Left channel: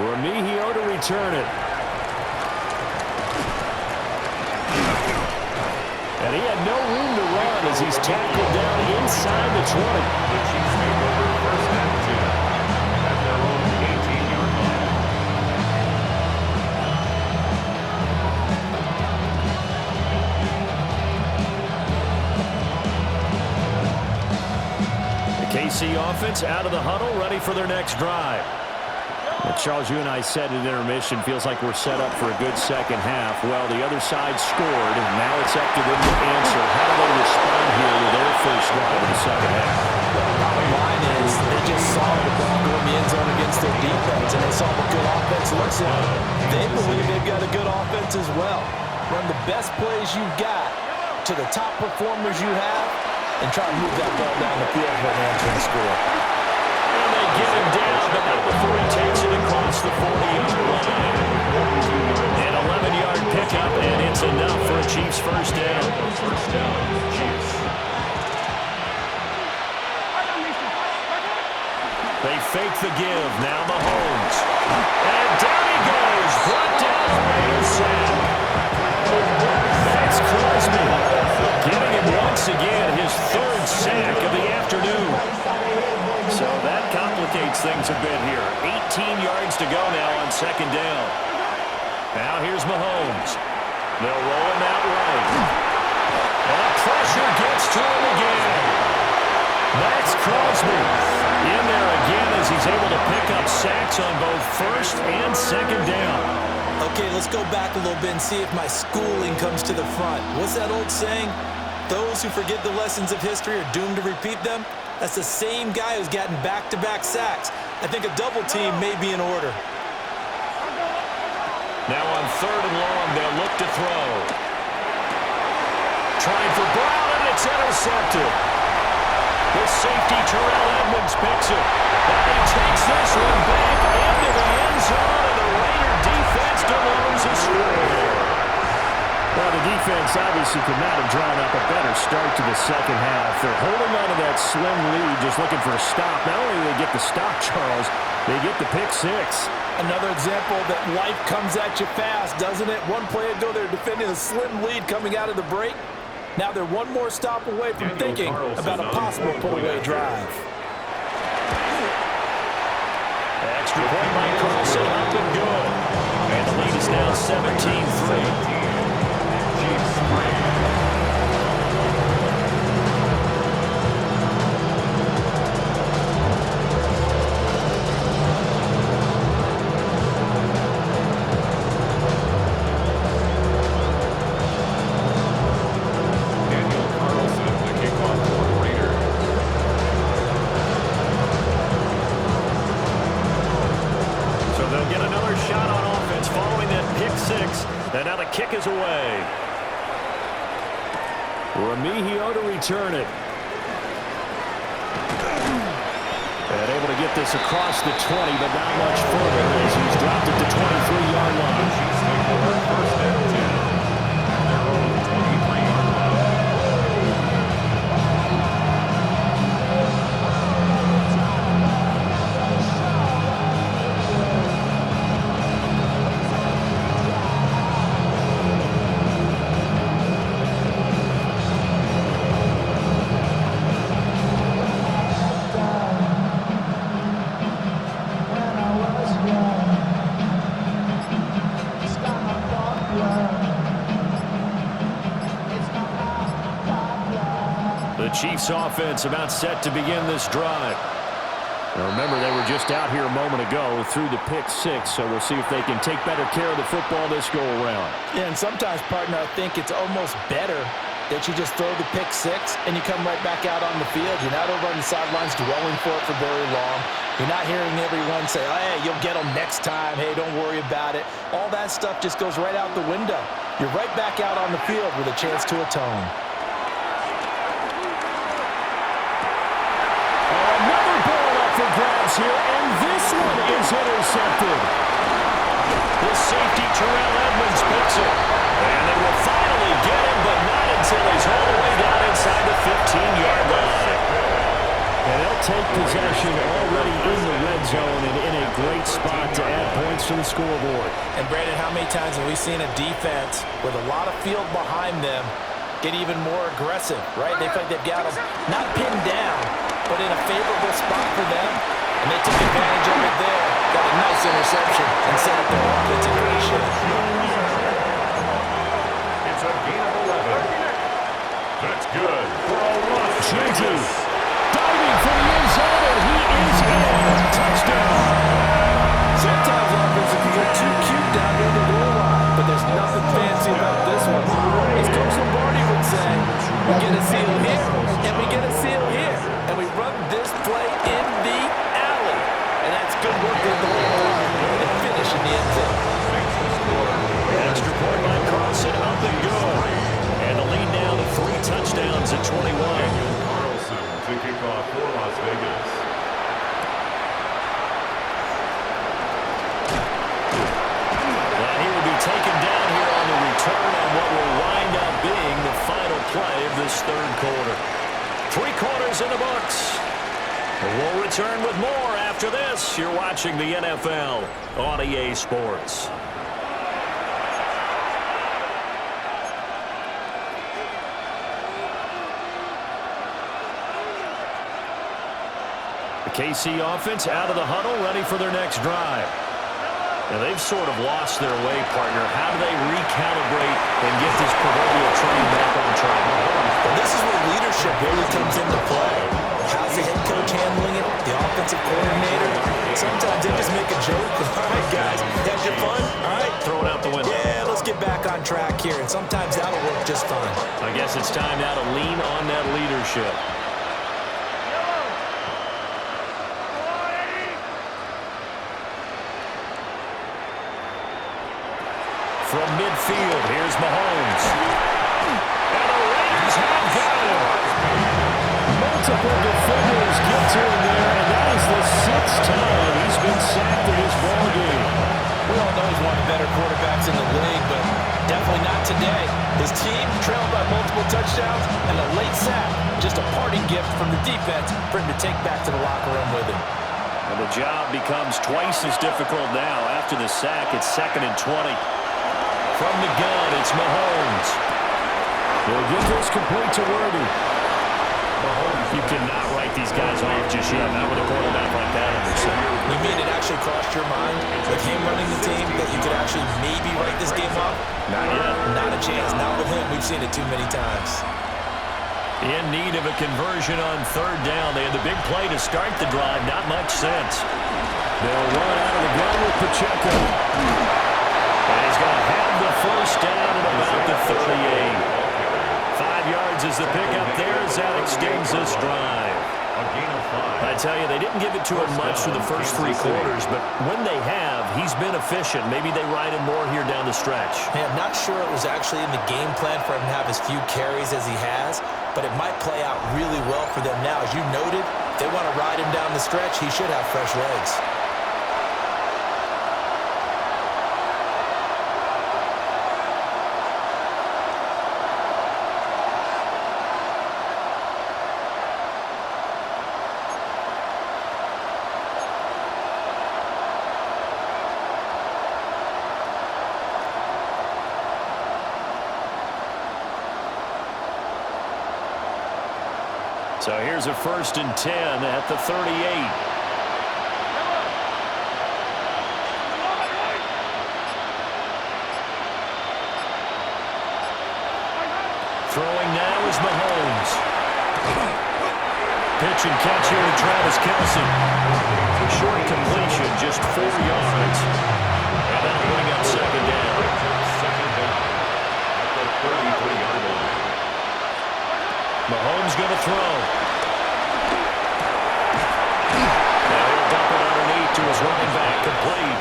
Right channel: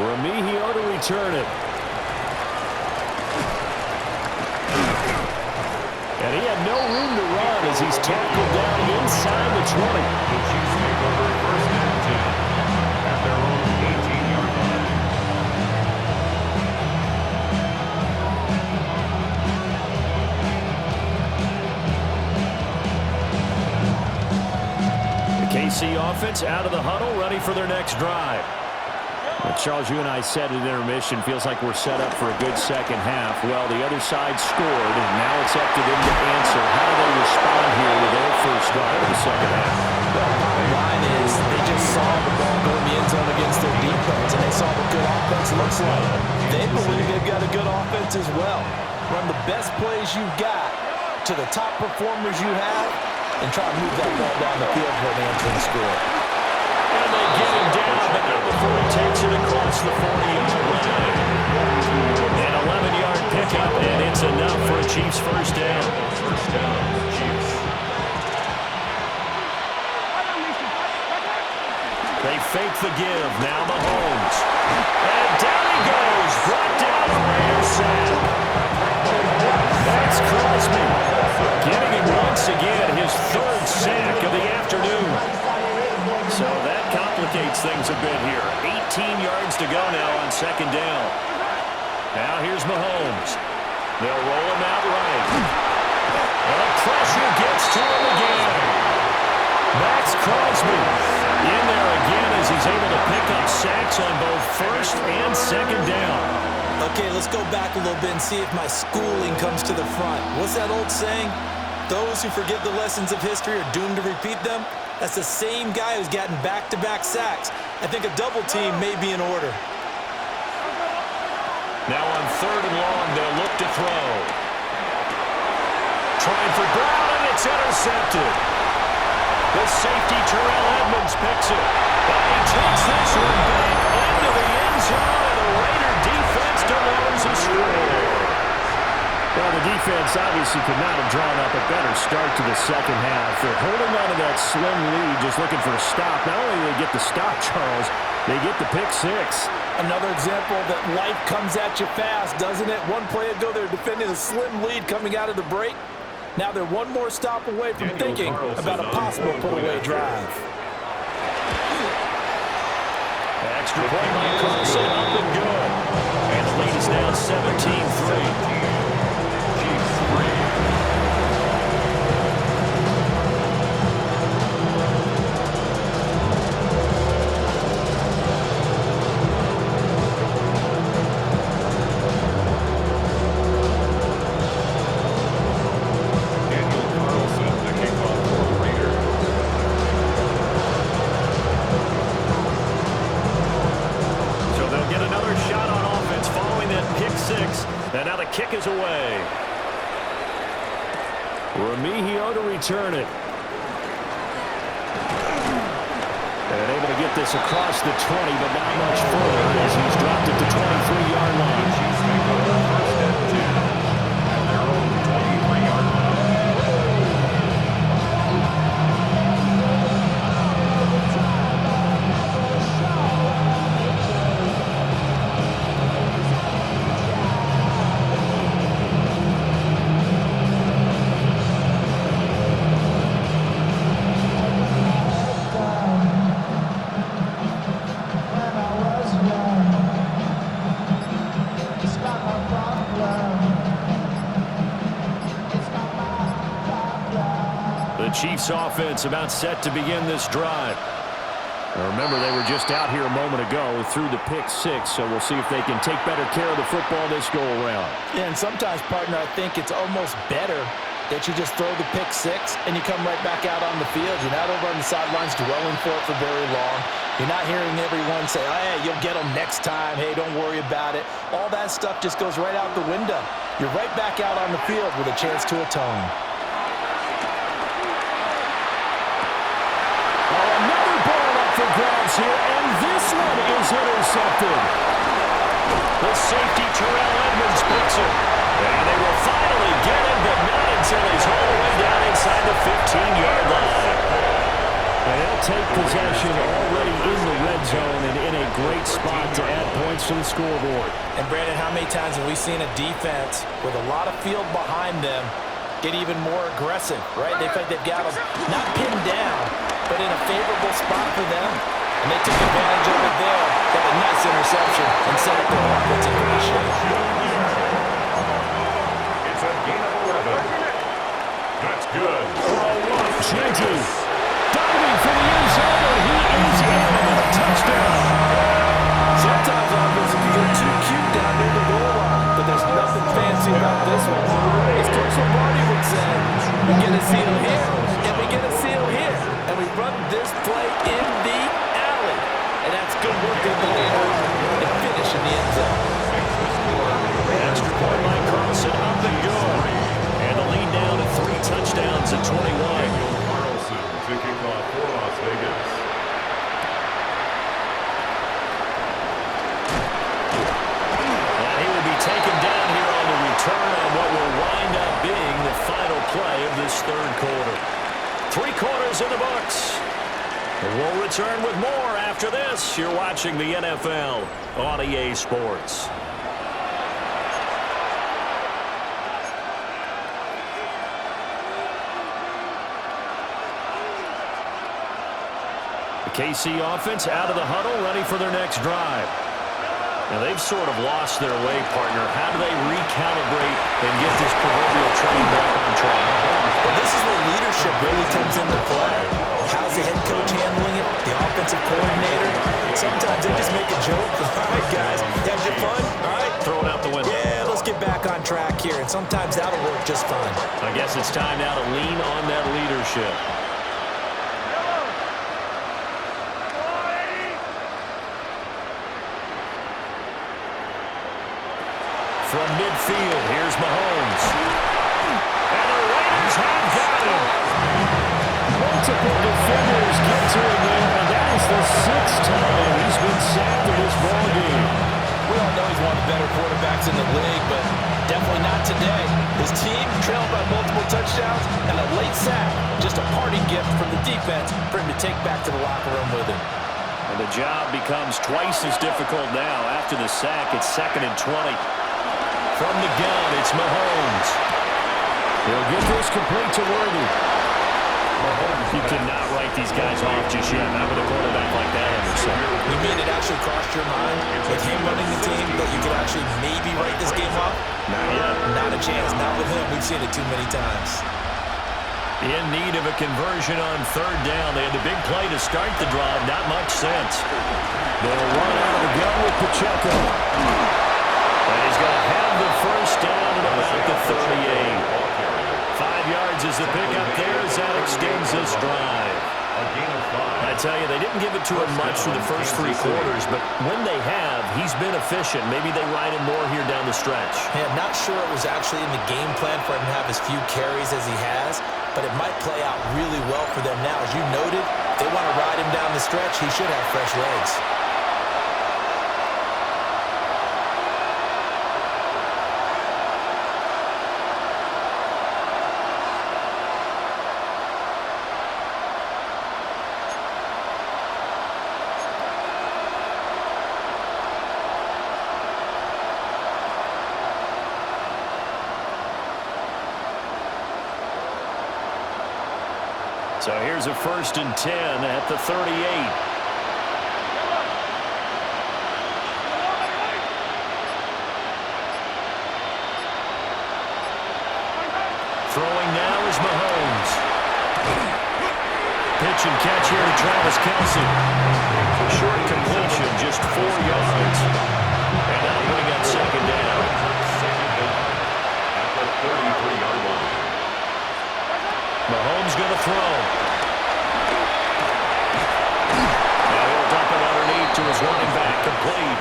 Remigio to return it. And he had no room to run as he's tackled down inside the 20. The Chiefs take over 1st and 10 at their own 18-yard line. The KC offense out of the huddle, ready for their next drive. Well, Charles, you and I said at intermission, feels like we're set up for a good second half. Well, the other side scored, and now it's up to them to answer. How do they respond here with their first drive of the second half? Well, bottom line is they just saw the ball go in the end zone against their defense, and they saw what good offense looks like. They believe they've got a good offense as well. Run the best plays you've got to the top performers you have, and try to move that ball down the field for an answering score. And they get him down, but not before he takes it across the 40-yard line. An 11-yard pickup, and it's enough for a Chiefs first down. First down, Chiefs. They fake the give. Now Mahomes. And down he goes. Brought down a Raider sack. That's Crosby. Getting him once again, his 3rd sack of the afternoon. So that complicates things a bit here. 18 yards to go now on 2nd down. Now here's Mahomes. They'll roll him out right. And the pressure gets to him again. Max Crosby in there again as he's able to pick up sacks on both 1st and 2nd down. Okay, let's go back a little bit and see if my schooling comes to the front. What's that old saying? Those who forget the lessons of history are doomed to repeat them. That's the same guy who's gotten back-to-back sacks. I think a double team may be in order. Now on 3rd and long, they'll look to throw. Trying for Brown, and it's intercepted. The safety, Terrell Edmonds, picks it. But he takes this one back into the end zone, and the Raider defense delivers a score. Well, the defense obviously could not have drawn up a better start to the second half. They're holding on to that slim lead, just looking for a stop. Not only do they get the stop, Charles, they get the pick 6. Another example that life comes at you fast, doesn't it? One play ago, they're defending a slim lead coming out of the break. Now they're one more stop away from thinking about a possible put-away drive. Extra point by Carlson, up and good. And the lead is now 17-3. Chiefs 3. And now the kick is away. Remigio to return it. And able to get this across the 20, but not much further as he's dropped it to 23-yard line. The Chiefs take over 1st and 10 at their own 23-yard line. The Chiefs offense about set to begin this drive. Now remember, they were just out here a moment ago through the pick 6, so we'll see if they can take better care of the football this go-around. Yeah, and sometimes, partner, I think it's almost better that you just throw the pick 6 and you come right back out on the field. You're not over on the sidelines dwelling for it for very long. You're not hearing everyone say, oh, hey, you'll get them next time. Hey, don't worry about it. All that stuff just goes right out the window. You're right back out on the field with a chance to atone. Another ball up for grabs here, and this one is intercepted. The safety, Terrell Edmonds, picks it. And they will finally get him, but not until he's all the way down inside the 15-yard line. And they'll take possession already in the red zone and in a great spot to add points to the scoreboard. And, Brandon, how many times have we seen a defense with a lot of field behind them get even more aggressive, right? They feel like they've got them not pinned down, but in a favorable spot for them. And they took advantage of it there. Got a nice interception and set up their offense in great shape. It's a gain of 11. That's good for a loss. Genty diving for the end zone, and he is in. Touchdown. Sometimes offenses can get too cute down near the goal line, but there's nothing fancy about this one. As Coach Lombardi would say, we get a seal here, and we get a seal here, and we run this play in the alley. And that's good work in the line and finish in the end zone. Extra point by Carlson, up and good. And the lead down to 3 touchdowns at 21. Daniel Carlson to kick off for Las Vegas. And he will be taken down here on the return on what will wind up being the final play of this third quarter. 3 quarters in the books. We'll return with more after this. You're watching the NFL on EA Sports. The KC offense out of the huddle, ready for their next drive. Now, they've sort of lost their way, partner. How do they recalibrate and get this proverbial train back on track? Well, this is where leadership really comes into play. How's the head coach handling it? The offensive coordinator? Sometimes they just make a joke. All right, guys, you having fun? All right. Throw it out the window. Yeah, let's get back on track here, and sometimes that'll work just fine. I guess it's time now to lean on that leadership. From midfield, here's Mahomes. And the Raiders have got him. Multiple defenders get to him there, and that is the 6th time he's been sacked in this ballgame. We all know he's one of the better quarterbacks in the league, but definitely not today. His team trailed by multiple touchdowns and a late sack. Just a parting gift from the defense for him to take back to the locker room with him. And the job becomes twice as difficult now. After the sack, it's 2nd and 20. From the gun, it's Mahomes. He'll get this complete to Worthy. You cannot write these guys off just yet, not with a quarterback like that under center. You mean it actually crossed your mind with him running the team that you could actually maybe write this game off? Not yet. Not a chance. Not with him. We've seen it too many times. In need of a conversion on 3rd down. They had the big play to start the drive. Not much sense. They'll run out of the gun with Pacheco. And he's going to have the first down at about the 38. 5 yards is the pickup there as that extends this drive. A gain of 5. I tell you, they didn't give it to him much for the first 3 quarters, but when they have, he's been efficient. Maybe they ride him more here down the stretch. Man, not sure it was actually in the game plan for him to have as few carries as he has, but it might play out really well for them now. As you noted, if they want to ride him down the stretch, he should have fresh legs. So here's a 1st and 10 at the 38. Throwing now is Mahomes. Pitch and catch here to Travis Kelce. Short completion, just 4 yards. And that'll bring up 2nd down. Second down at the 33-yard line. Mahomes going to throw. Now he'll dump it underneath to his running back, complete.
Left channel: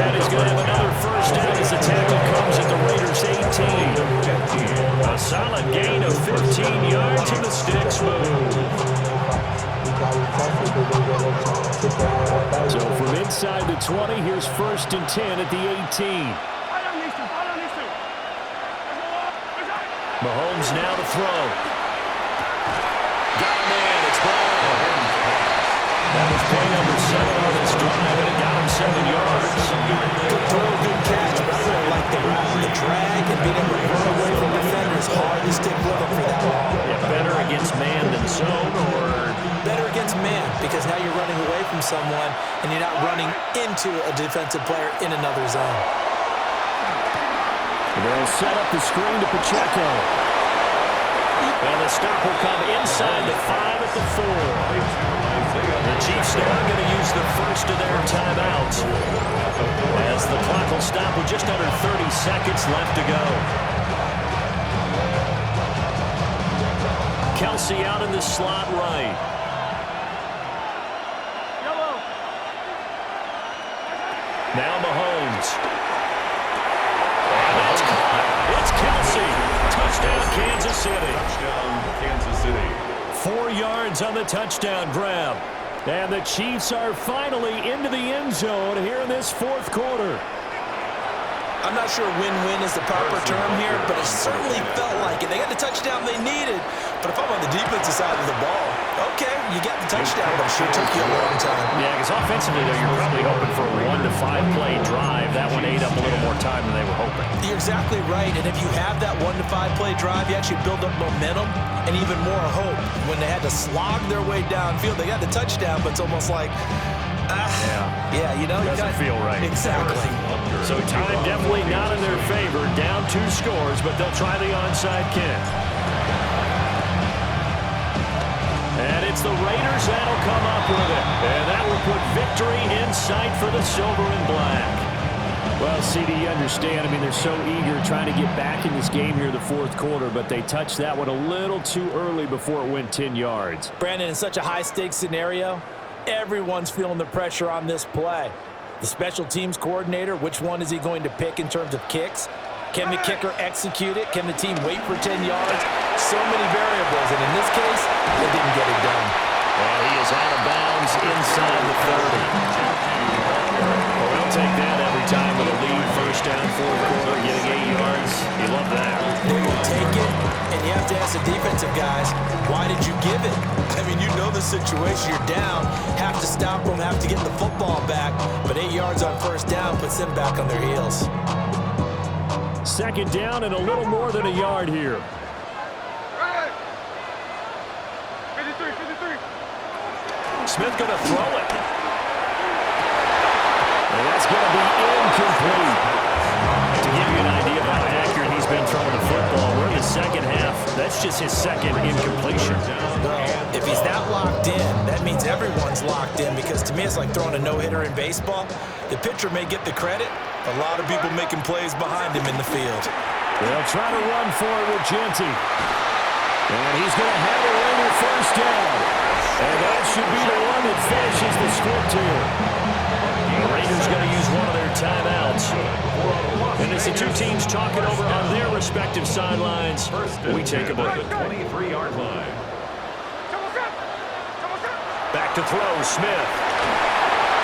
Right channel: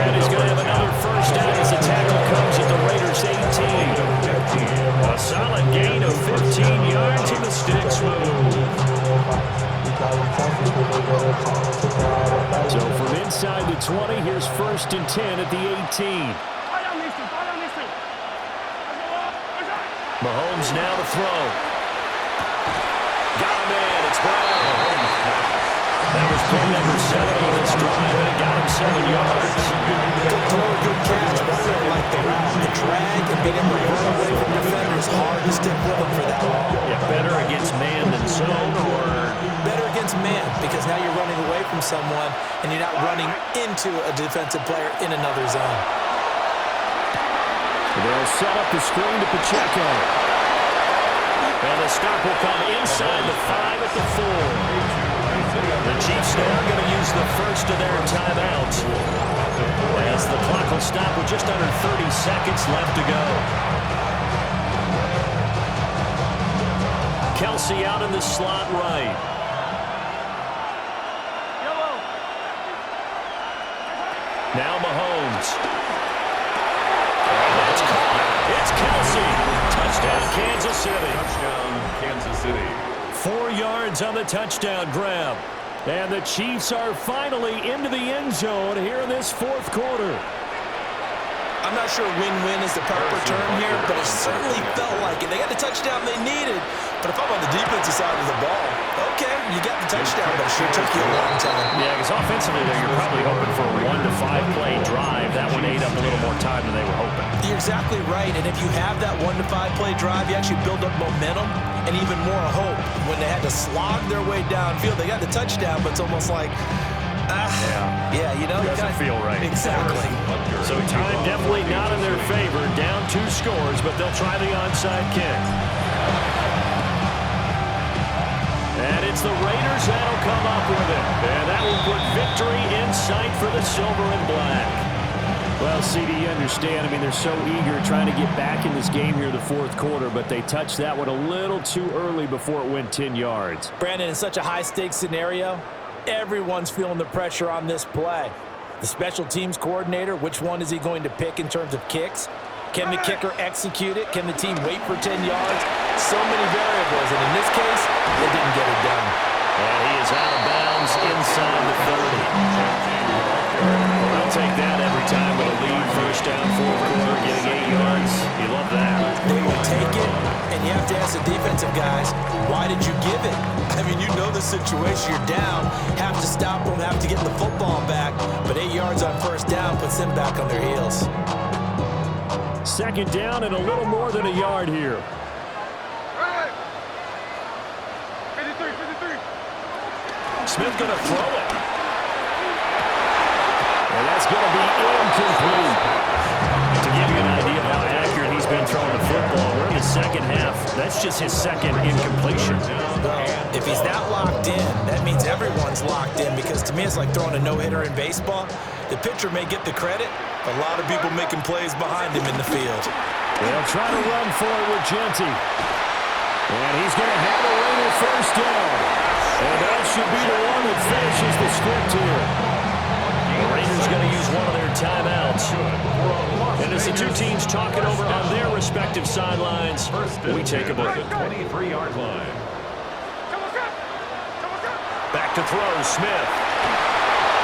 And he's going to have another first down as the tackle comes at the Raiders' 18. A solid gain of 15 yards and the sticks move. So from inside the 20, here's 1st and 10 at the 18. Mahomes now to throw. Got a man, it's Brown. That was play number 7 on this drive, and it got him 7 yards. Good throw, good catch, but I really like the route. The drag and being able to run away from defenders, hard to stick with them for that long. Yeah, better against man than zone, or? Better against man, because now you're running away from someone, and you're not running into a defensive player in another zone. They'll set up the screen to Pacheco. And the stop will come inside the 5 at the 4. The Chiefs now going to use the first of their timeouts as the clock will stop with just under 30 seconds left to go. Kelsey out in the slot right. Now Mahomes. And that's caught. It's Kelsey. Touchdown, Kansas City. Touchdown, Kansas City. 4 yards on the touchdown grab. And the Chiefs are finally into the end zone here in this fourth quarter. I'm not sure win-win is the proper term here, but it certainly felt like it. They got the touchdown they needed, but if I'm on the defensive side of the ball, okay, you got the touchdown, but it sure took you a long time. Yeah, because offensively, though, you're probably hoping for a 1 to 5 play drive. That one ate up a little more time than they were hoping. You're exactly right, and if you have that 1 to 5 play drive, you actually build up momentum and even more hope. When they had to slog their way downfield, they got the touchdown, but it's almost like, yeah, you know, doesn't feel right. Exactly. So time definitely not in their favor. Down 2 scores, but they'll try the onside kick. And it's the Raiders that'll come up with it. And that will put victory in sight for the silver and black. Well, CD, you understand. I mean, they're so eager trying to get back in this game here in the fourth quarter, but they touched that one a little too early before it went 10 yards. Brandon, in such a high-stakes scenario, everyone's feeling the pressure on this play. The special teams coordinator, which one is he going to pick in terms of kicks? Can the kicker execute it? Can the team wait for 10 yards? So many variables, and in this case, they didn't get it done. And he is out of bounds inside the 30. Well, they'll take that every time with a lead. First down, fourth quarter, getting 8 yards. You love that. They will take it, and you have to ask the defensive guys, why did you give it? I mean, you know the situation. You're down, have to stop them, have to get the football back, but 8 yards on first down puts them back on their heels. Second down and a little more than a yard here. 53. Smith going to throw it. And that's going to be incomplete. To give you an idea of how accurate he's been throwing the football, we're in the second half. That's just his second incompletion. Well, if he's that locked in, that means everyone's locked in, because to me it's like throwing a no-hitter in baseball. The pitcher may get the credit, but a lot of people making plays behind him in the field. They'll try to run for it with Genty. And he's going to have a Raider first down. And that should be the one that finishes the script here. The Raiders going to use one of their timeouts. And as the two teams talk it over on their respective sidelines, we take a break. 23-yard line. Back to throw, Smith.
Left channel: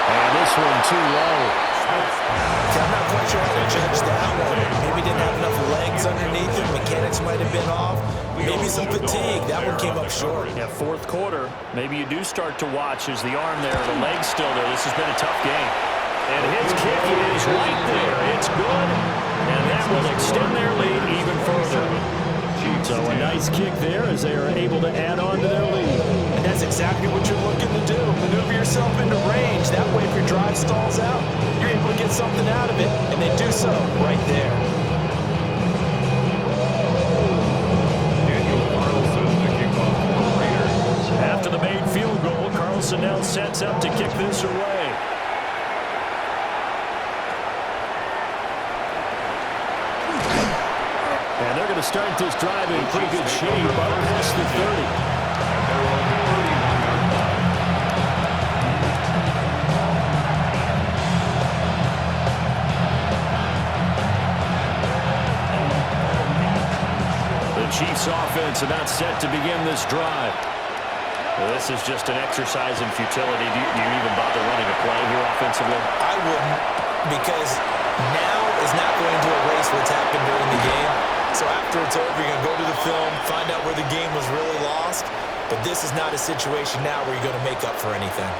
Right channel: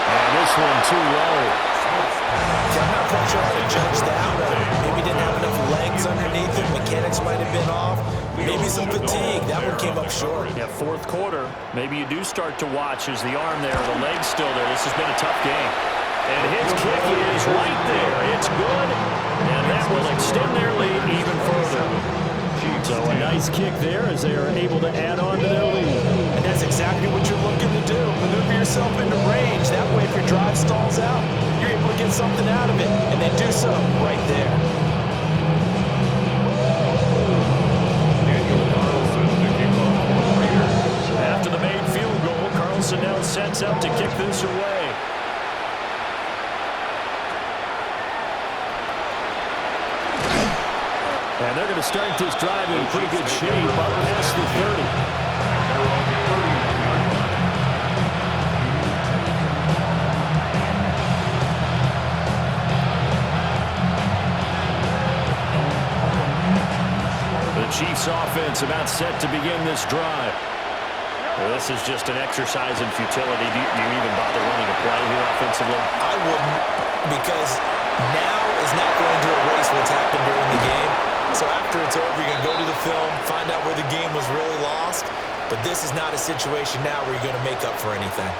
And this one too low. I'm not quite sure how to judge that one. Maybe didn't have enough legs underneath him. Mechanics might have been off. Maybe some fatigue. That one came up short. Yeah, fourth quarter. Maybe you do start to watch as the arm there, the leg's still there. This has been a tough game. And his kick is right there. It's good. And that will extend their lead even further. So a nice kick there as they are able to add on to their lead. And that's exactly what you're looking to do. Maneuver yourself into range. That way, if your drive stalls out, you're able to get something out of it. And they do so right there. After the made field goal, Carlson now sets up to kick this away. And they're going to start this drive in pretty good shape up past the 30. At their own 31-yard line. The Chiefs offense about set to begin this drive. Well, this is just an exercise in futility. Do you even bother running a play here offensively? I wouldn't, because now is not going to erase what's happened during the game. So after it's over, you're going to go to the film, find out where the game was really lost. But this is not a situation now where you're going to make up for anything.